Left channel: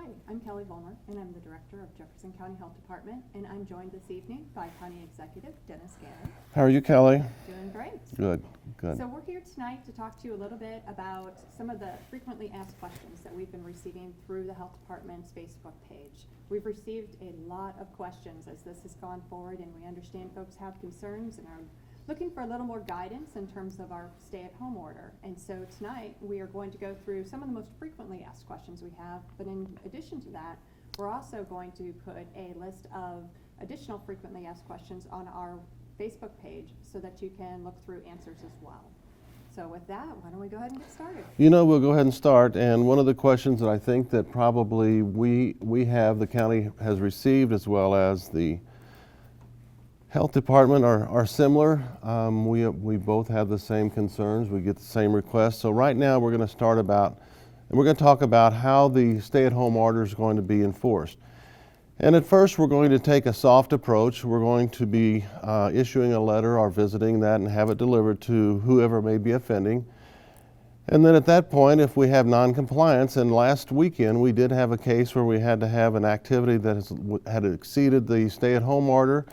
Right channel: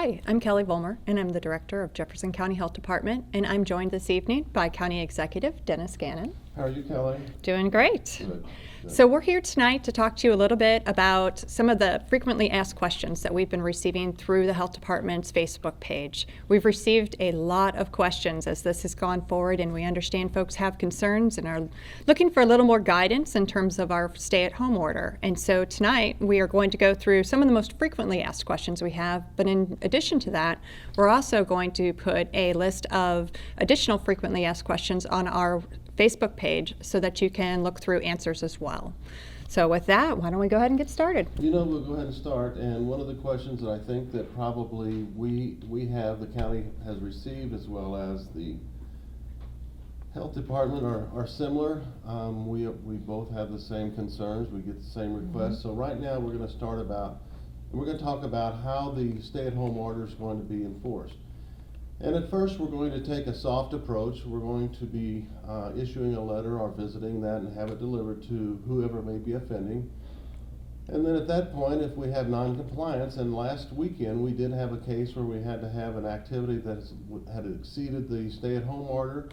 Hi, I'm Kelley Vollmar, and I'm the Director of Jefferson County Health Department, and I'm joined this evening by County Executive Dennis Gannon. How are you, Kelley? Doing great. Good. Good. So we're here tonight to talk to you a little bit about some of the frequently asked questions that we've been receiving through the Health Department's Facebook page. We've received a lot of questions as this has gone forward, and we understand folks have concerns and are looking for a little more guidance in terms of our stay-at-home order. And so tonight we are going to go through some of the most frequently asked questions we have, but in addition to that, we're also going to put a list of additional frequently asked questions on our Facebook page so that you can look through answers as well. So with that, why don't we go ahead and get started? You know, we'll go ahead and start. And one of the questions that I think that probably we have, the county has received, as well as the health department, are similar. We both have the same concerns. We get the same requests. So right now we're going to start about, and we're going to talk about how the stay-at-home order is going to be enforced. And at first, we're going to take a soft approach. We're going to be issuing a letter or visiting that and have it delivered to whoever may be offending. And then at that point, if we have non-compliance, and last weekend we did have a case where we had to have an activity that had exceeded the stay-at-home order.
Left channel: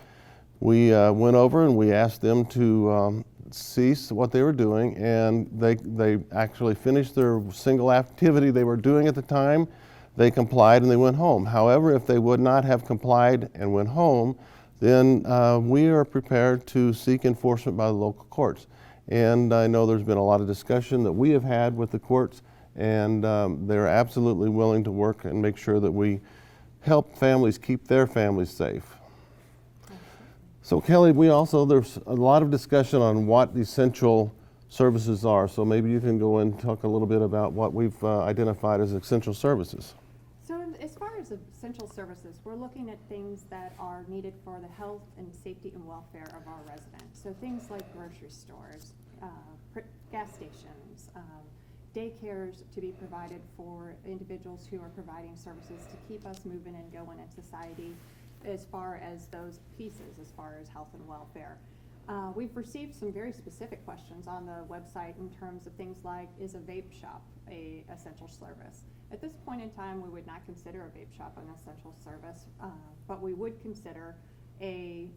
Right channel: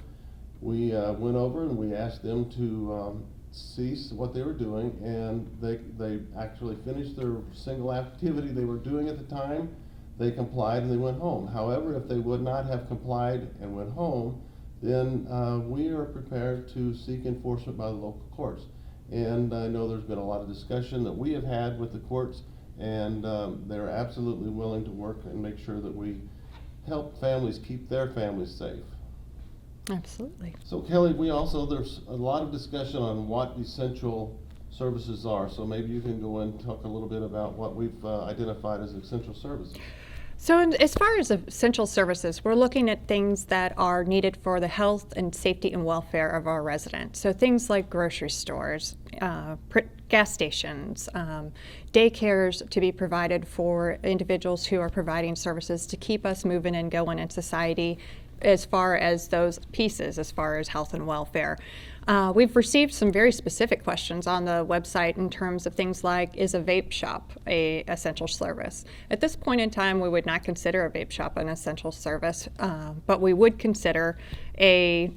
We went over and we asked them to cease what they were doing, and they actually finished their single activity they were doing at the time. They complied and they went home. However, if they would not have complied and went home, then we are prepared to seek enforcement by the local courts. And I know there's been a lot of discussion that we have had with the courts, and they're absolutely willing to work and make sure that we help families keep their families safe. Absolutely. So Kelley, there's a lot of discussion on what essential services are. So maybe you can go and talk a little bit about what we've identified as essential services. So as far as essential services, we're looking at things that are needed for the health and safety and welfare of our residents. So things like grocery stores, gas stations, daycares to be provided for individuals who are providing services to keep us moving and going in society, as far as those pieces, as far as health and welfare. We've received some very specific questions on the website in terms of things like, is a vape shop an essential service? At this point in time, we would not consider a vape shop an essential service, but we would consider a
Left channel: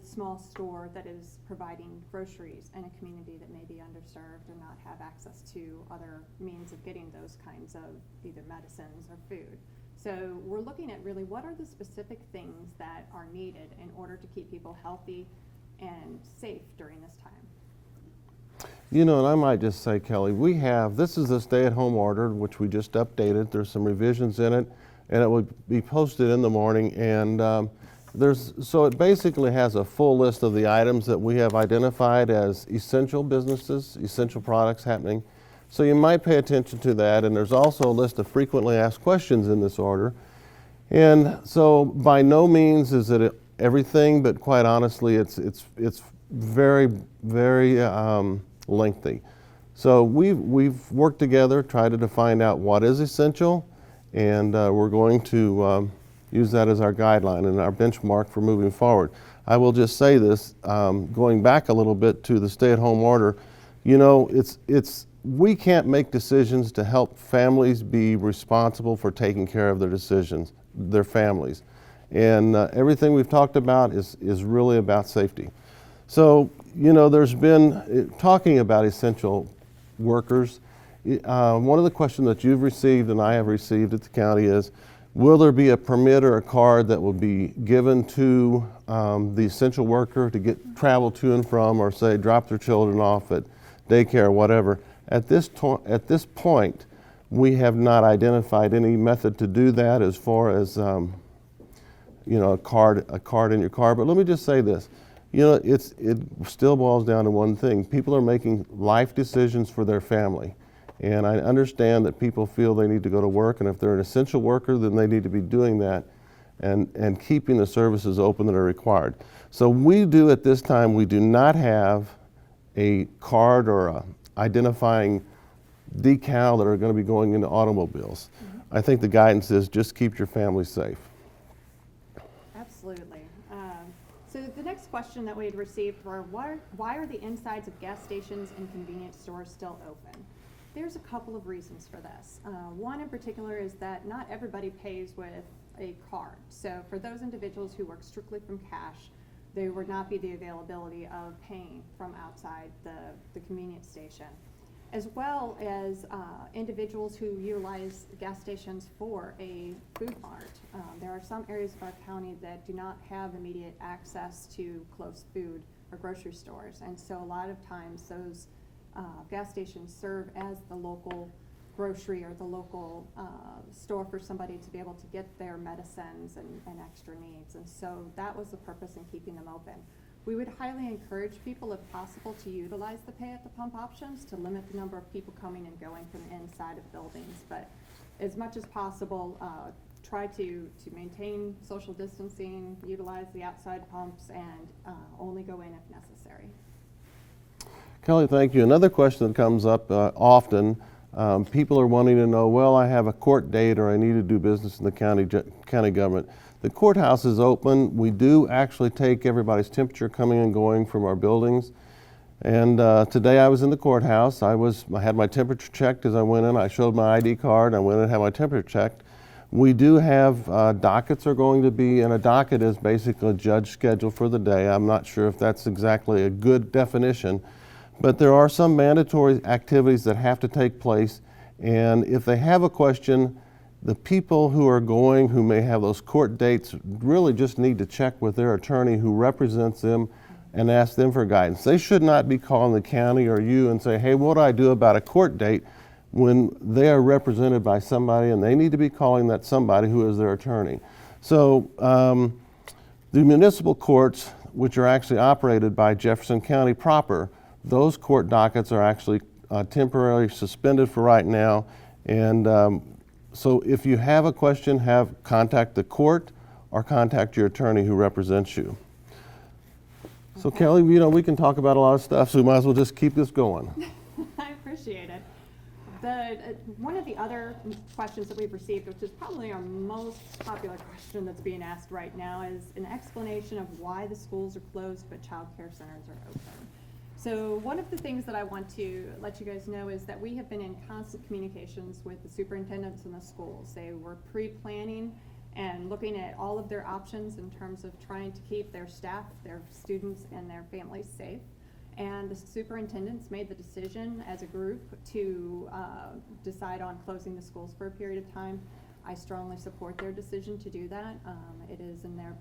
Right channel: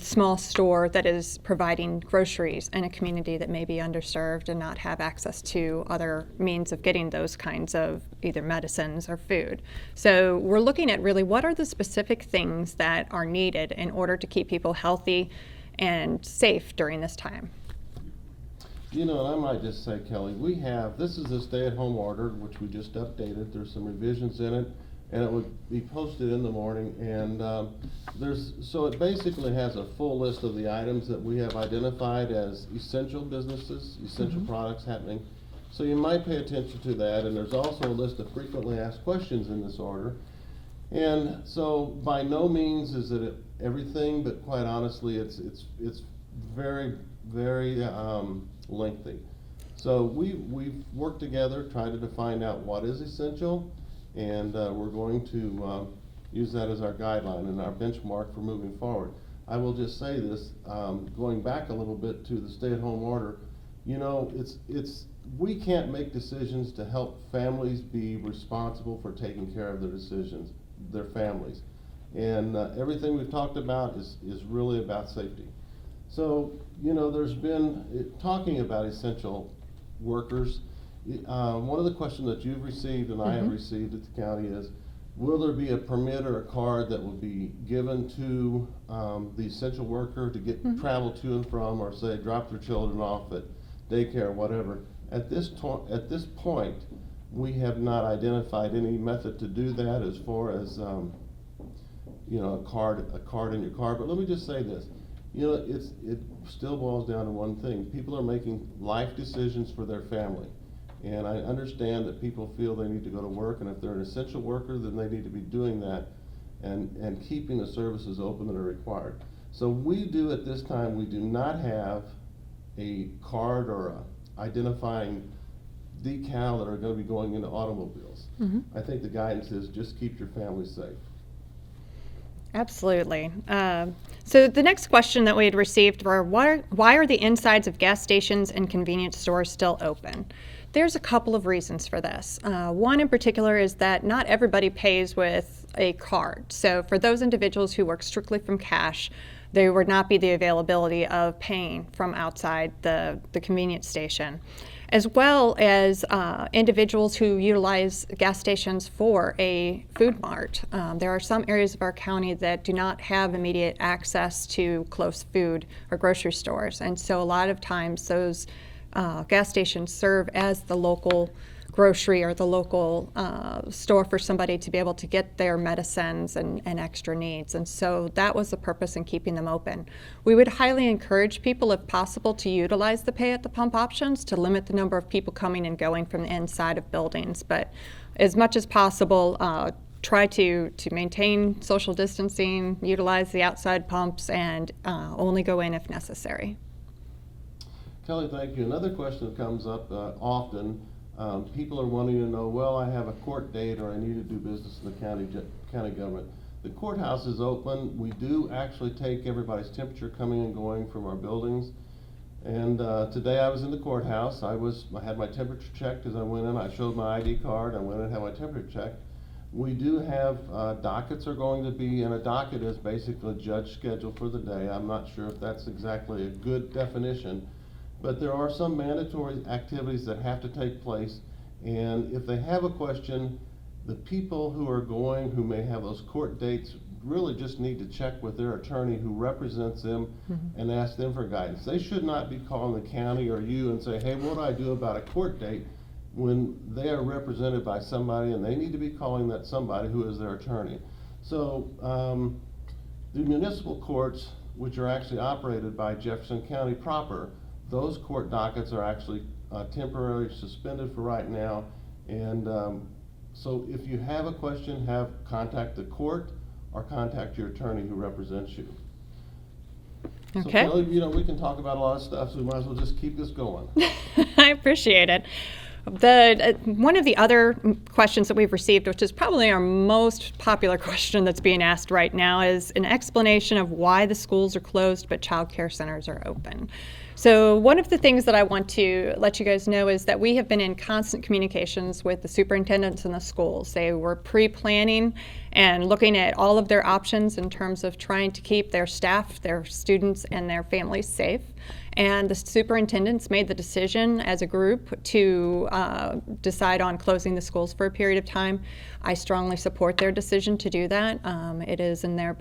small store that is providing groceries in a community that may be underserved and not have access to other means of getting those kinds of either medicines or food. So we're looking at really what are the specific things that are needed in order to keep people healthy and safe during this time. You know, and I might just say, Kelley, this is a stay-at-home order, which we just updated. There's some revisions in it, and it would be posted in the morning. And so it basically has a full list of the items that we have identified as essential businesses, essential products happening. So you might pay attention to that. And there's also a list of frequently asked questions in this order. And so by no means is it everything, but quite honestly, it's very, very lengthy. So we've worked together, tried to find out what is essential, and we're going to use that as our guideline and our benchmark for moving forward. I will just say this, going back a little bit to the stay-at-home order, you know, we can't make decisions to help families be responsible for taking care of their families. And everything we've talked about is really about safety. So, you know, there's been, talking about essential workers, one of the questions that you've received and I have received at the county is, will there be a permit or a card that will be given to the essential worker to get travel to and from, or say drop their children off at daycare or whatever? At this point, we have not identified any method to do that as far as you know, a card in your car. But let me just say this. You know, it still boils down to one thing. People are making life decisions for their family. And I understand that people feel they need to go to work, and if they're an essential worker, then they need to be doing that and keeping the services open that are required. So at this time, we do not have a card or a identifying decal that are going to be going into automobiles. I think the guidance is just keep your family safe. Absolutely. So the next question that we had received were, why are the insides of gas stations and convenience stores still open? There's a couple of reasons for this. One in particular is that not everybody pays with a card. So for those individuals who work strictly from cash, there would not be the availability of paying from outside the convenience station, as well as individuals who utilize gas stations for a food mart. There are some areas of our county that do not have immediate access to close food or grocery stores, and so a lot of times those gas stations serve as the local grocery or the local store for somebody to be able to get their medicines and extra needs. And so that was the purpose in keeping them open. We would highly encourage people, if possible, to utilize the pay at the pump options to limit the number of people coming and going from the inside of buildings. But as much as possible, try to maintain social distancing, utilize the outside pumps, and only go in if necessary. Kelley, thank you. Another question that comes up often, people are wanting to know, well, I have a court date or I need to do business in the county government. The courthouse is open. We do actually take everybody's temperature coming and going from our buildings. And today I was in the courthouse. I had my temperature checked as I went in. I showed my ID card. I went in and had my temperature checked. We do have dockets are going to be, and a docket is basically a judge schedule for the day. I'm not sure if that's exactly a good definition. But there are some mandatory activities that have to take place, and if they have a question, the people who are going, who may have those court dates, really just need to check with their attorney who represents them and ask them for guidance. They should not be calling the county or you and say, hey, what do I do about a court date, when they are represented by somebody and they need to be calling that somebody who is their attorney. So the municipal courts, which are actually operated by Jefferson County proper, those court dockets are actually temporarily suspended for right now. And so if you have a question, contact the court or contact your attorney who represents you. Okay. So Kelley, we can talk about a lot of stuff, so we might as well just keep this going. I appreciate it. One of the other questions that we've received, which is probably our most popular question that's being asked right now, is an explanation of why the schools are closed but child care centers are open. So one of the things that I want to let you guys know is that we have been in constant communications with the superintendents in the schools. They were pre-planning and looking at all of their options in terms of trying to keep their staff, their students, and their families safe. And the superintendents made the decision as a group to decide on closing the schools for a period of time. I strongly support their decision to do that. It is in their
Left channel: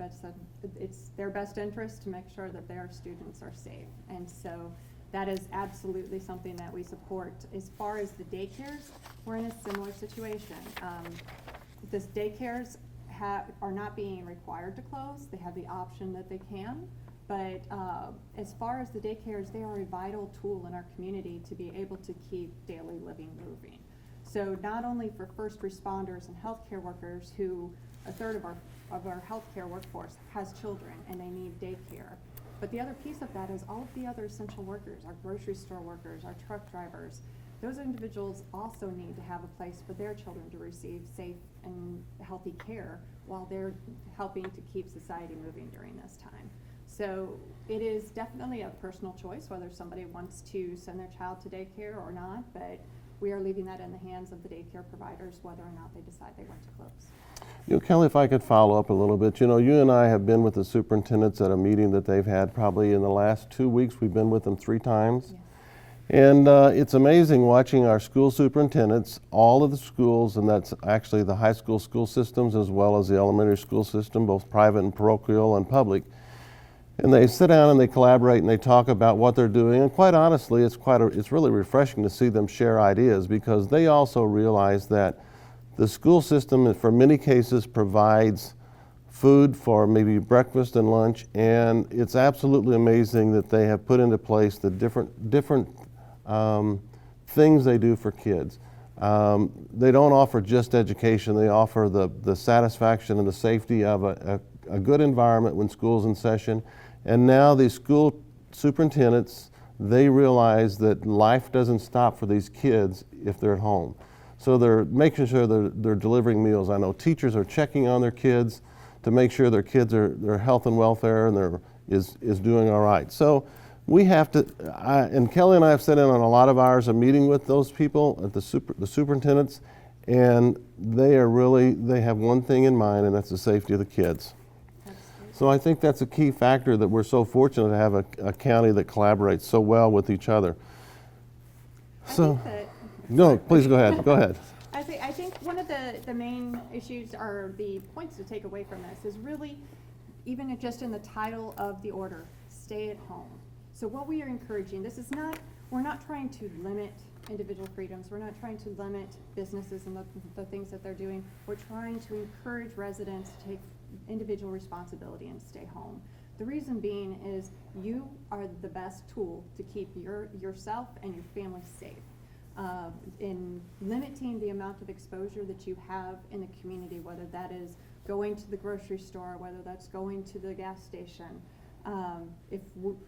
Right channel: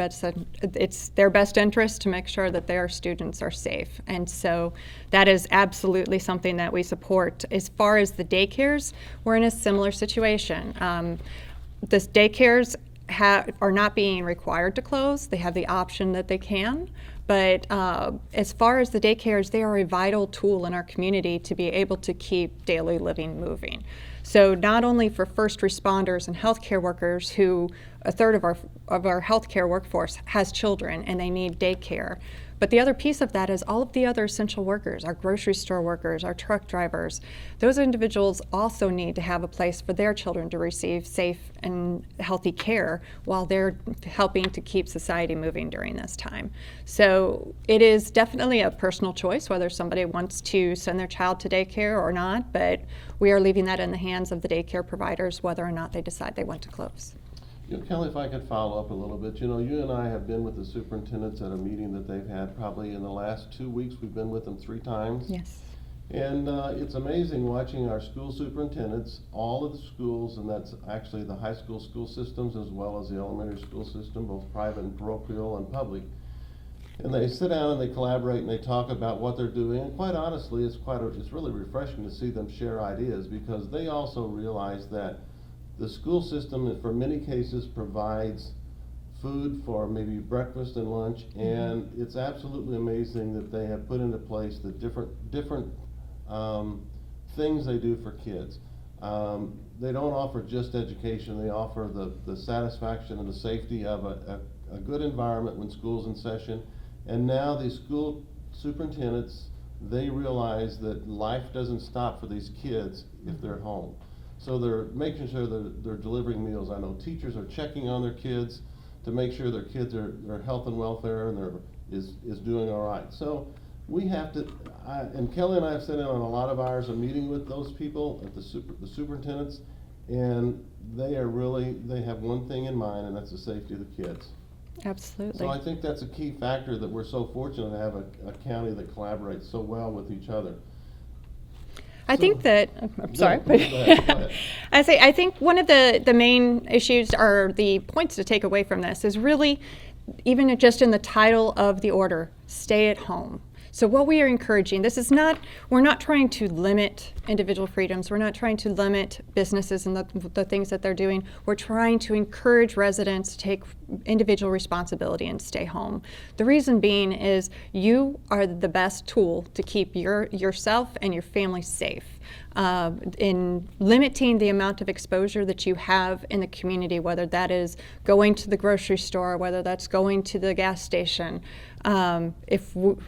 it's their best interest to make sure that their students are safe. And so that is absolutely something that we support. As far as the daycares, we're in a similar situation. The daycares are not being required to close. They have the option that they can. But as far as the daycares, they are a vital tool in our community to be able to keep daily living moving. So not only for first responders and healthcare workers, who a third of our healthcare workforce has children and they need daycare, but the other piece of that is all of the other essential workers, our grocery store workers, our truck drivers. Those individuals also need to have a place for their children to receive safe and healthy care while they're helping to keep society moving during this time. So it is definitely a personal choice whether somebody wants to send their child to daycare or not, but we are leaving that in the hands of the daycare providers whether or not they decide they want to close. Kelley, if I could follow up a little bit. You and I have been with the superintendents at a meeting that they've had probably in the last 2 weeks. We've been with them 3 times. Yes. And it's amazing watching our school superintendents, all of the schools, and that's actually the high school systems as well as the elementary school system, both private and parochial and public. And they sit down and they collaborate and they talk about what they're doing. And quite honestly, it's really refreshing to see them share ideas, because they also realize that the school system, for many cases, provides food for maybe breakfast and lunch, and it's absolutely amazing that they have put into place the different things they do for kids. They don't offer just education, they offer the satisfaction and the safety of a good environment when school's in session. And now these school superintendents, they realize that life doesn't stop for these kids if they're at home. So they're making sure they're delivering meals. I know teachers are checking on their kids to make sure their kids their health and welfare and is doing all right. So we have to, and Kelley and I have sat in on a lot of hours of meeting with those people, at the superintendents, and they have one thing in mind, and that's the safety of the kids. Absolutely. So I think that's a key factor that we're so fortunate to have a county that collaborates so well with each other. I think that, I'm No, sorry. please go ahead. Go ahead. I think one of the main issues or the points to take away from this is really, even just in the title of the order, stay at home. So what we are encouraging, we're not trying to limit individual freedoms. We're not trying to limit businesses and the things that they're doing. We're trying to encourage residents to take individual responsibility and stay home. The reason being is you are the best tool to keep yourself and your family safe. In limiting the amount of exposure that you have in the community, whether that is going to the grocery store, whether that's going to the gas station. If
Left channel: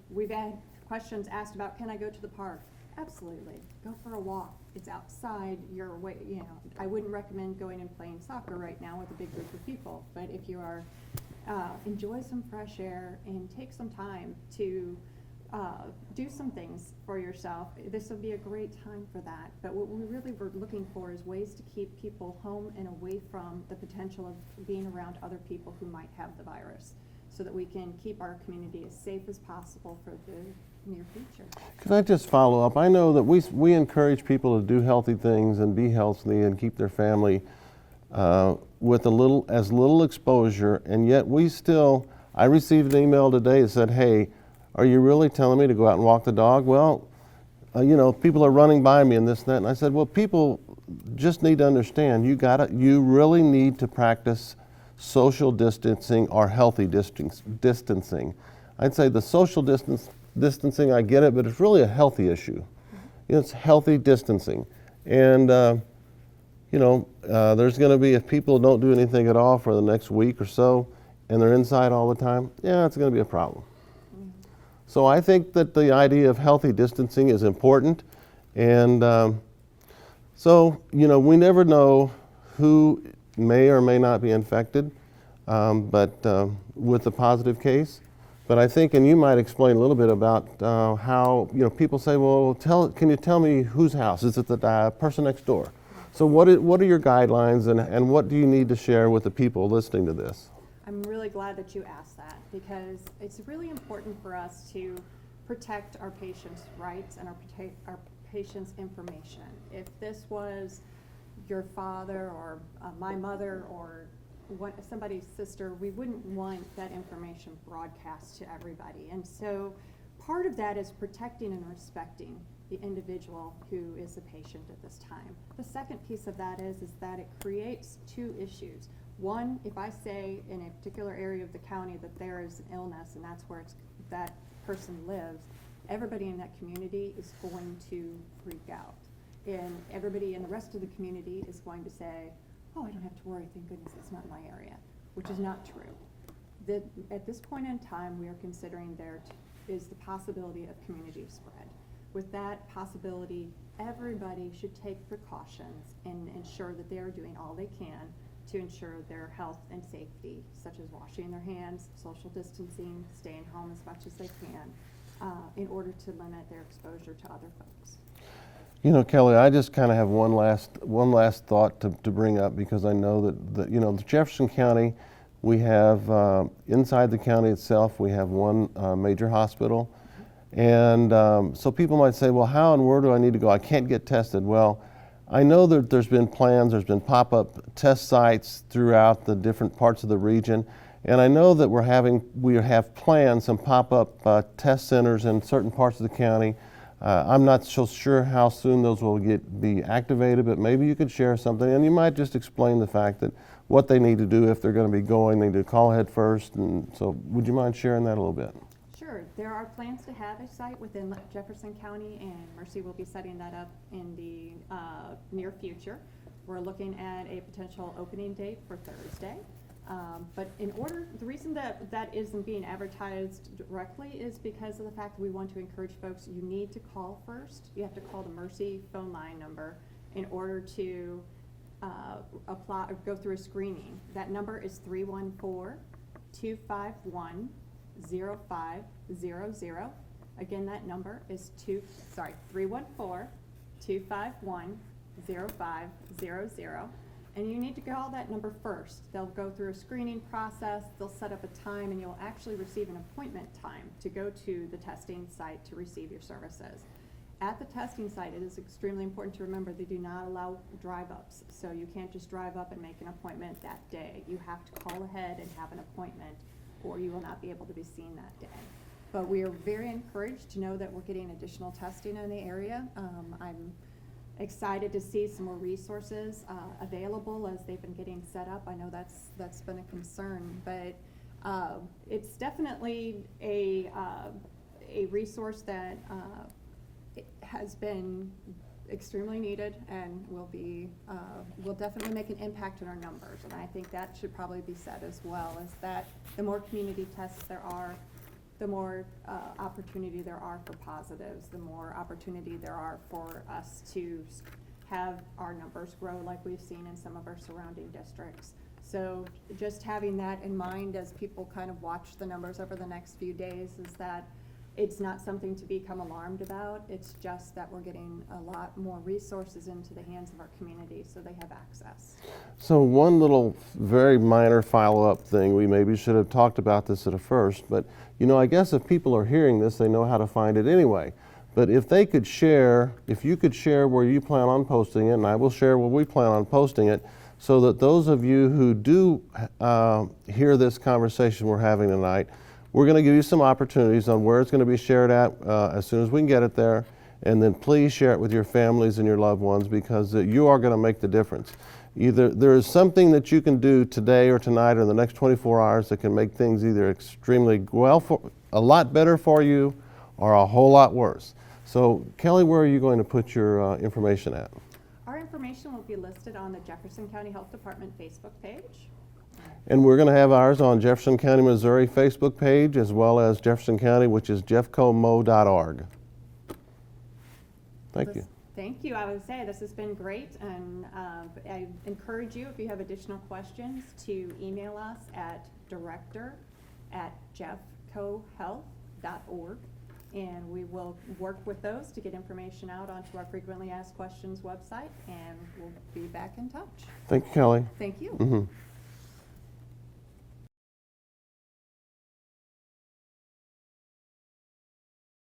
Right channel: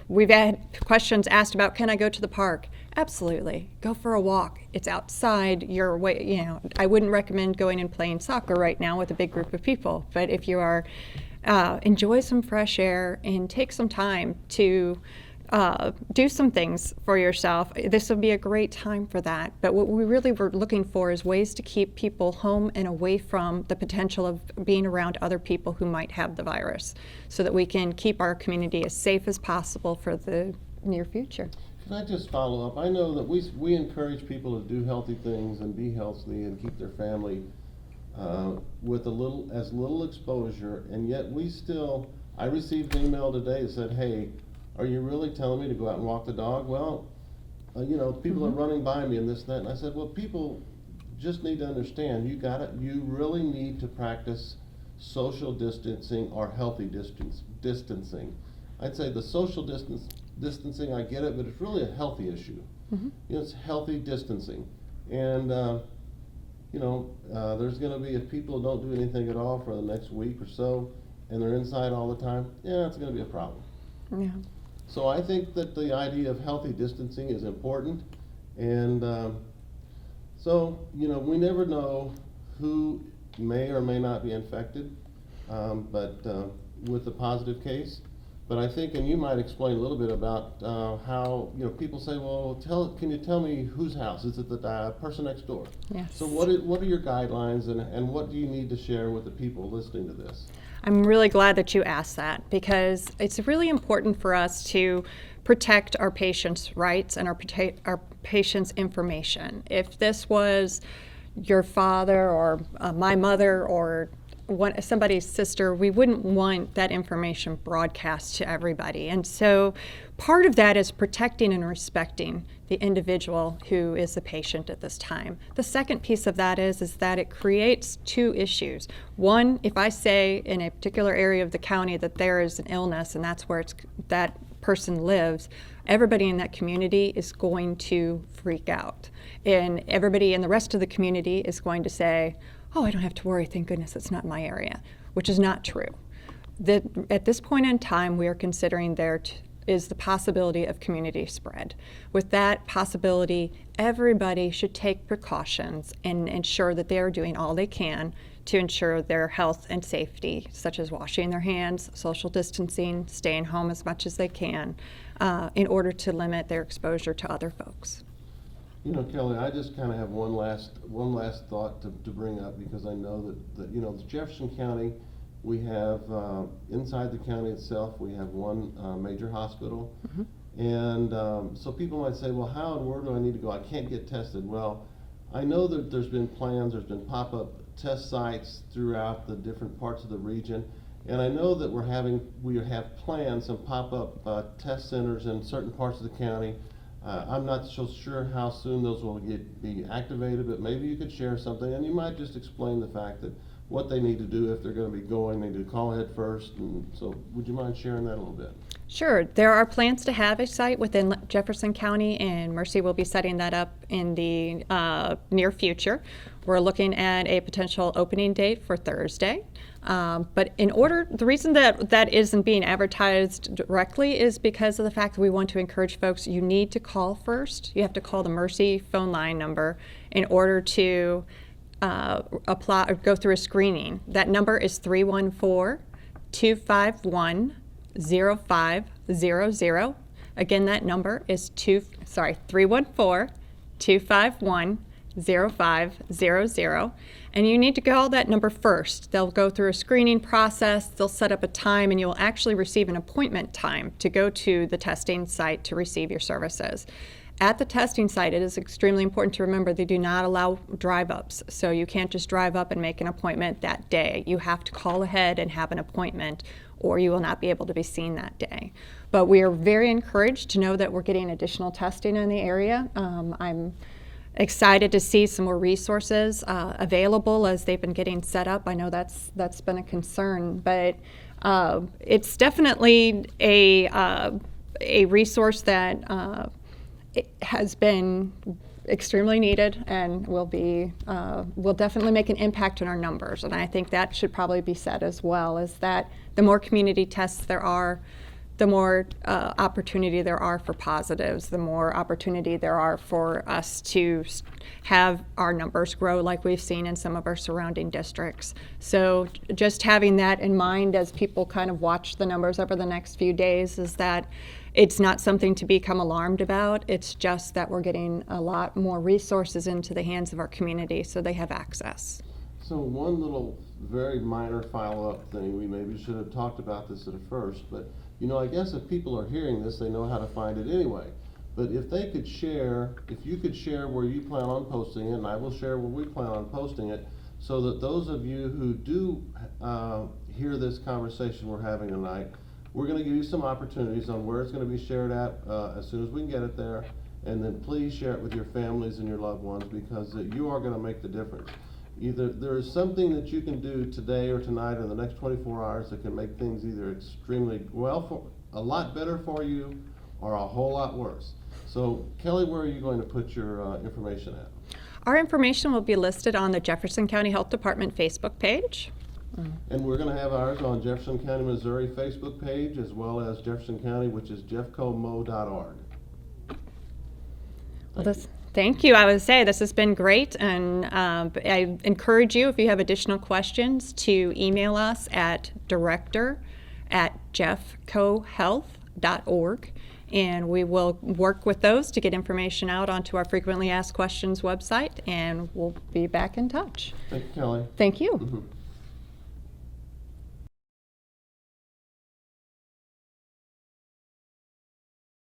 we've had questions asked about, can I go to the park? Absolutely. Go for a walk. It's outside your way. I wouldn't recommend going and playing soccer right now with a big group of people, but if you are, enjoy some fresh air and take some time to do some things for yourself. This would be a great time for that. But what we really were looking for is ways to keep people home and away from the potential of being around other people who might have the virus, so that we can keep our community as safe as possible for the near future. Can I just follow up? I know that we encourage people to do healthy things and be healthy and keep their family with as little exposure, and yet I received an email today that said, hey, are you really telling me to go out and walk the dog? Well, people are running by me and this and that. And I said, well, people just need to understand, you really need to practice social distancing or healthy distancing. I'd say the social distancing, I get it, but it's really a healthy issue. Mm-hmm. It's healthy distancing. And, there's going to be, if people don't do anything at all for the next week or so, and they're inside all the time, it's going to be a problem. Yeah. So I think that the idea of healthy distancing is important, and we never know who may or may not be infected, but with a positive case. But I think, and you might explain a little bit about how people say, well, can you tell me whose house? Is it the person next door? Yes. So what are your guidelines, and what do you need to share with the people listening to this? I'm really glad that you asked that, because it's really important for us to protect our patients' rights and our patients' information. If this was your father or my mother or somebody's sister, we wouldn't want that information broadcast to everybody. And so part of that is protecting and respecting the individual who is the patient at this time. The second piece of that is that it creates two issues. One, if I say in a particular area of the county that there is an illness and that's where that person lives, everybody in that community is going to freak out. And everybody in the rest of the community is going to say, oh, I don't have to worry, thank goodness it's not in my area, which is not true. At this point in time, we are considering there is the possibility of community spread. With that possibility, everybody should take precautions and ensure that they are doing all they can to ensure their health and safety, such as washing their hands, social distancing, staying home as much as they can, in order to limit their exposure to other folks. Kelley, I just kind of have one last thought to bring up, because I know that the Jefferson County, we have inside the county itself, we have one major hospital. Mm-hmm. And so people might say, well, how and where do I need to go? I can't get tested. Well, I know that there's been plans, there's been pop-up test sites throughout the different parts of the region. And I know that we have planned some pop-up test centers in certain parts of the county. I'm not so sure how soon those will be activated, but maybe you could share something, and you might just explain the fact that what they need to do if they're going to be going, they need to call ahead first. And so would you mind sharing that a little bit? Sure. There are plans to have a site within Jefferson County, and Mercy will be setting that up in the near future. We're looking at a potential opening date for Thursday. But the reason that isn't being advertised directly is because of the fact that we want to encourage folks, you need to call first. You have to call the Mercy phone line number in order to apply or go through a screening. That number is 314-251-0500. Again, that number is 314-251-0500. And you need to call that number first. They'll go through a screening process, they'll set up a time, and you'll actually receive an appointment time to go to the testing site to receive your services. At the testing site, it is extremely important to remember they do not allow drive-ups. So you can't just drive up and make an appointment that day. You have to call ahead and have an appointment, or you will not be able to be seen that day. But we are very encouraged to know that we're getting additional testing in the area. I'm excited to see some more resources available as they've been getting set up. I know that's been a concern, but it's definitely a resource that it has been extremely needed and will definitely make an impact on our numbers. And I think that should probably be said as well, is that the more community tests there are, the more opportunity there are for positives, the more opportunity there are for us to have our numbers grow like we've seen in some of our surrounding districts. So just having that in mind as people kind of watch the numbers over the next few days is that it's not something to become alarmed about. It's just that we're getting a lot more resources into the hands of our community so they have access. So one little very minor follow-up thing, we maybe should have talked about this at a first, but I guess if people are hearing this, they know how to find it anyway. But if you could share where you plan on posting it, and I will share where we plan on posting it, so that those of you who do hear this conversation we're having tonight, we're going to give you some opportunities on where it's going to be shared at as soon as we can get it there. And then please share it with your families and your loved ones, because you are going to make the difference. Either there is something that you can do today or tonight or the next 24 hours that can make things either extremely a lot better for you or a whole lot worse. So Kelley, where are you going to put your information at? Our information will be listed on the Jefferson County Health Department Facebook page. And we're going to have ours on Jefferson County, Missouri Facebook page, as well as Jefferson County, which is jeffcomo.org. Thank you. Thank you. I would say this has been great, and I encourage you, if you have additional questions, to email us at director@jeffcohealth.org, and we will work with those to get information out onto our frequently asked questions website, and we'll be back in touch. Thank you, Kelley. Thank you. Mm-hmm.